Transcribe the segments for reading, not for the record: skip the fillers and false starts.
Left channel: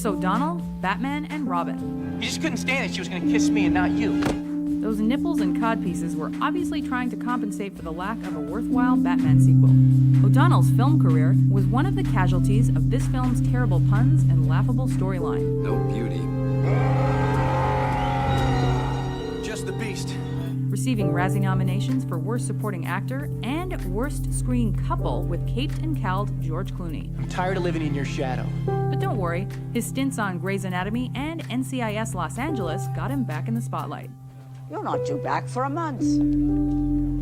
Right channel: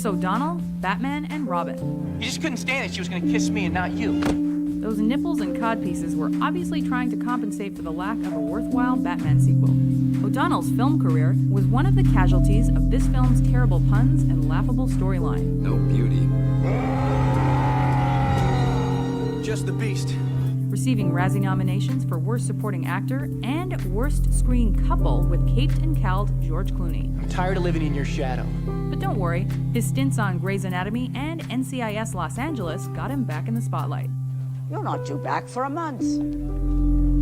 Chris O'Donnell, Batman and Robin. You just couldn't stand that she was gonna kiss me and not you. Those nipples and codpieces were obviously trying to compensate for the lack of a worthwhile Batman sequel. O'Donnell's film career was one of the casualties of this film's terrible puns and laughable storyline. No beauty. Just the beast. Receiving Razzie nominations for Worst Supporting Actor and Worst Screen Couple with caped and cowled George Clooney. I'm tired of living in your shadow. But don't worry, his stints on Grey's Anatomy and NCIS Los Angeles got him back in the spotlight. You're not due back for a month.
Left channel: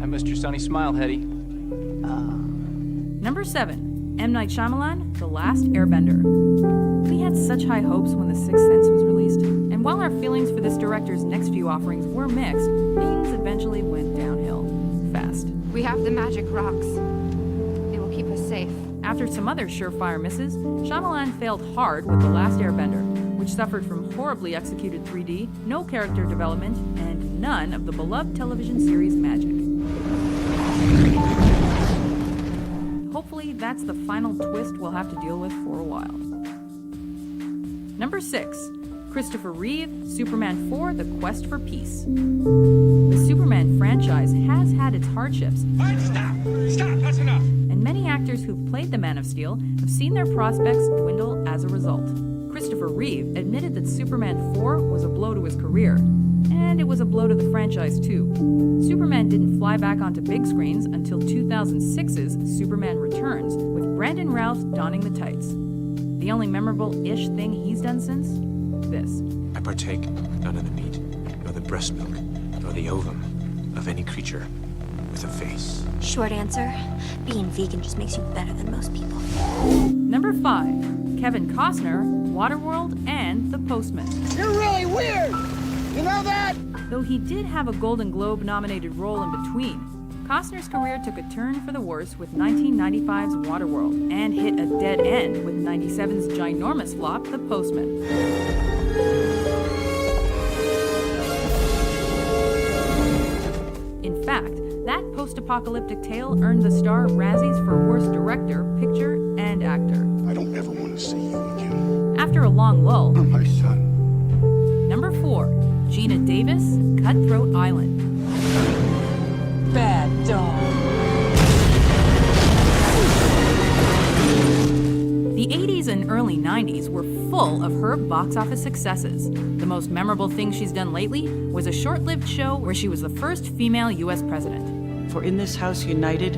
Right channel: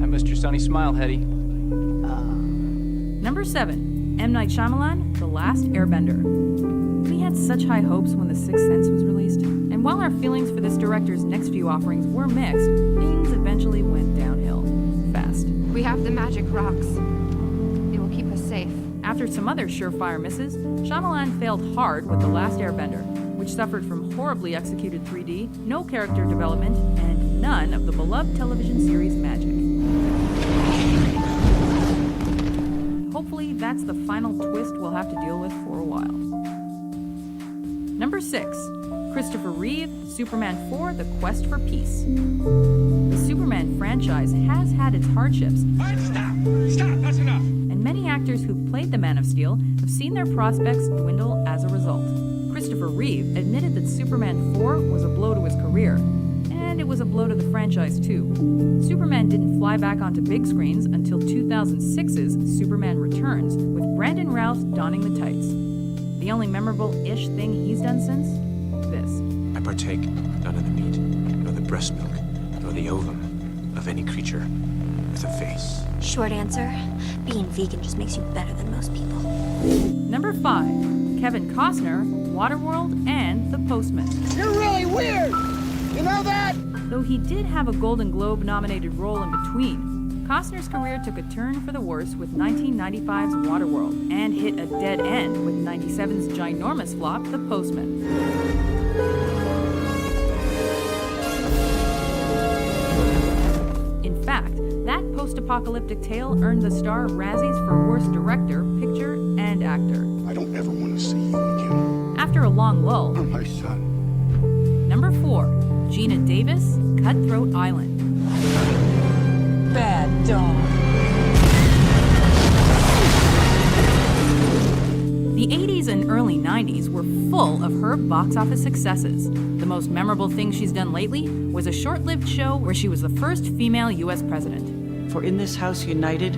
I missed your sunny smile, Hetty. Number 7, M. Night Shyamalan, The Last Airbender. We had such high hopes when The Sixth Sense was released, and while our feelings for this director's next few offerings were mixed, things eventually went downhill fast. We have the magic rocks. They will keep us safe. After some other surefire misses, Shyamalan failed hard with The Last Airbender, which suffered from horribly executed 3D, no character development, and none of the beloved television series magic. Hopefully, that's the final twist we'll have to deal with for a while. Number 6, Christopher Reeve, Superman 4: The Quest for Peace. The Superman franchise has had its hardships. All right, stop! Stop! That's enough! And many actors who've played the Man of Steel have seen their prospects dwindle as a result. Christopher Reeve admitted that Superman 4 was a blow to his career, and it was a blow to the franchise too. Superman didn't fly back onto big screens until 2006's Superman Returns, with Brandon Routh donning the tights. The only memorable-ish thing he's done since? This. I partake not of the meat, nor the breast milk, nor the ovum of any creature with a face. Short answer, being vegan just makes you better than most people. Number 5, Kevin Costner, Waterworld, and The Postman. You're really weird! You know that? Though he did have a Golden Globe-nominated role in between, Costner's career took a turn for the worse with 1995's Waterworld, and hit a dead end with 97's ginormous flop, The Postman. In fact, that post-apocalyptic tale earned the star Razzies for Worst Director, Picture, and Actor. I don't ever want to see you again. After a long lull, You're my son. Number 4, Gina Davis, Cutthroat Island. Bad dog. The 80s and early 90s were full of her box office successes. The most memorable thing she's done lately was a short-lived show where she was the first female U.S. president. For in this house united,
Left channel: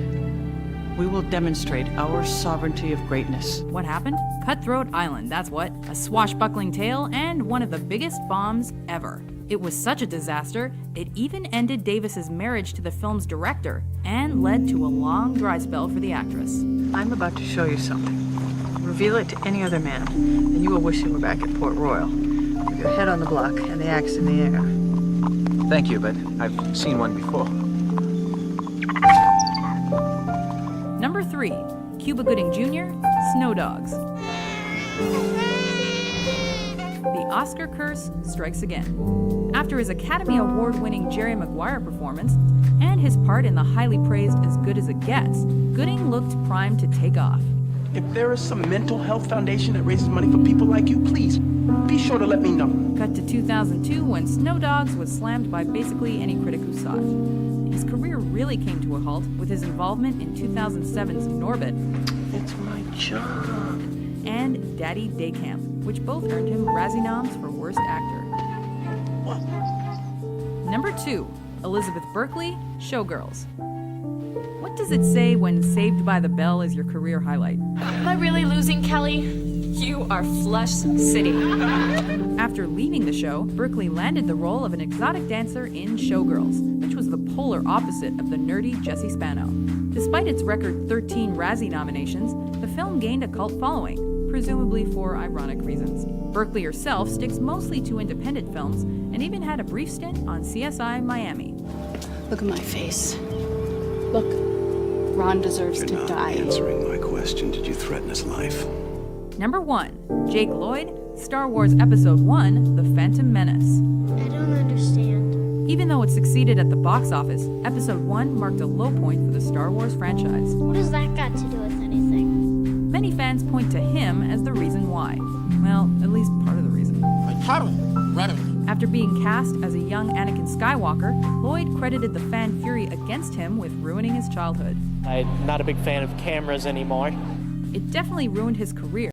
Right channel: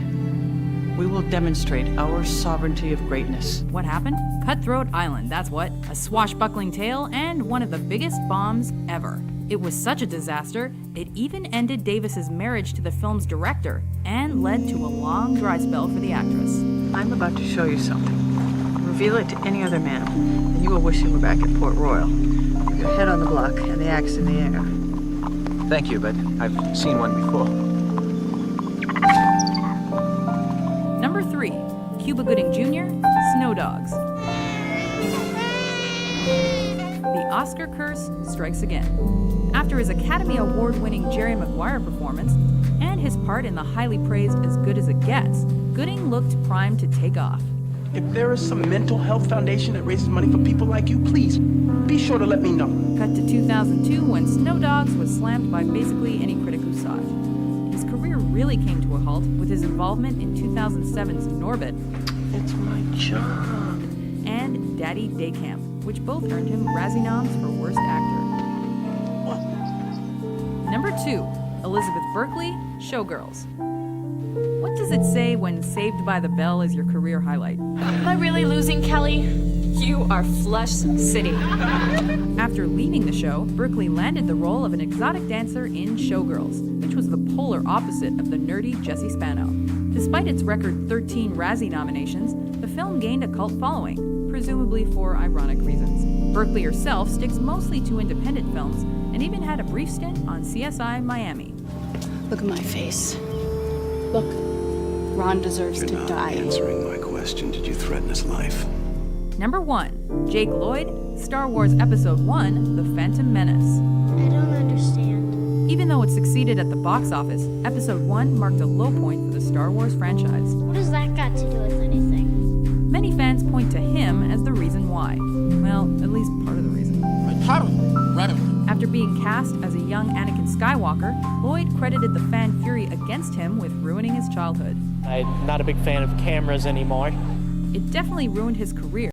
we will demonstrate our sovereignty of greatness. What happened? Cutthroat Island, that's what. A swashbuckling tale and one of the biggest bombs ever. It was such a disaster, it even ended Davis's marriage to the film's director and led to a long dry spell for the actress. I'm about to show you something. Reveal it to any other man, and you will wish you were back at Port Royal, with your head on the block and the axe in the air. Thank you, but I've seen one before. Number 3, Cuba Gooding Jr., Snow Dogs. The Oscar curse strikes again. After his Academy Award-winning Jerry Maguire performance and his part in the highly praised As Good as It Gets, Gooding looked primed to take off. If there is some mental health foundation that raises money for people like you, please be sure to let me know. Cut to 2002 when Snow Dogs was slammed by basically any critic who saw it. His career really came to a halt with his involvement in 2007's Norbit It's my job. and Daddy Day Camp, which both earned him Razzie noms for Worst Actor. What? Number 2, Elizabeth Berkley, Showgirls. What does it say when Saved by the Bell is your career highlight? Am I really losing, Kelly? You are Flush City. After leaving the show, Berkley landed the role of an exotic dancer in Showgirls, which was the polar opposite of the nerdy Jesse Spano. Despite its record 13 Razzie nominations, the film gained a cult following, presumably for ironic reasons. Berkley herself sticks mostly to independent films and even had a brief stint on CSI Miami. Look at my face. Look, Ron deserves to die. Answering my question, did you threaten his life? Number 1, Jake Lloyd, Star Wars Episode 1, The Phantom Menace. I don't understand. Even though it succeeded at the box office, Episode 1 marked a low point for the Star Wars franchise. What has that got to do with anything? Many fans point to him as the reason why. Well, at least part of the reason. After being cast as a young Anakin Skywalker, Lloyd credited the fan fury against him with ruining his childhood. I'm not a big fan of cameras anymore. It definitely ruined his career.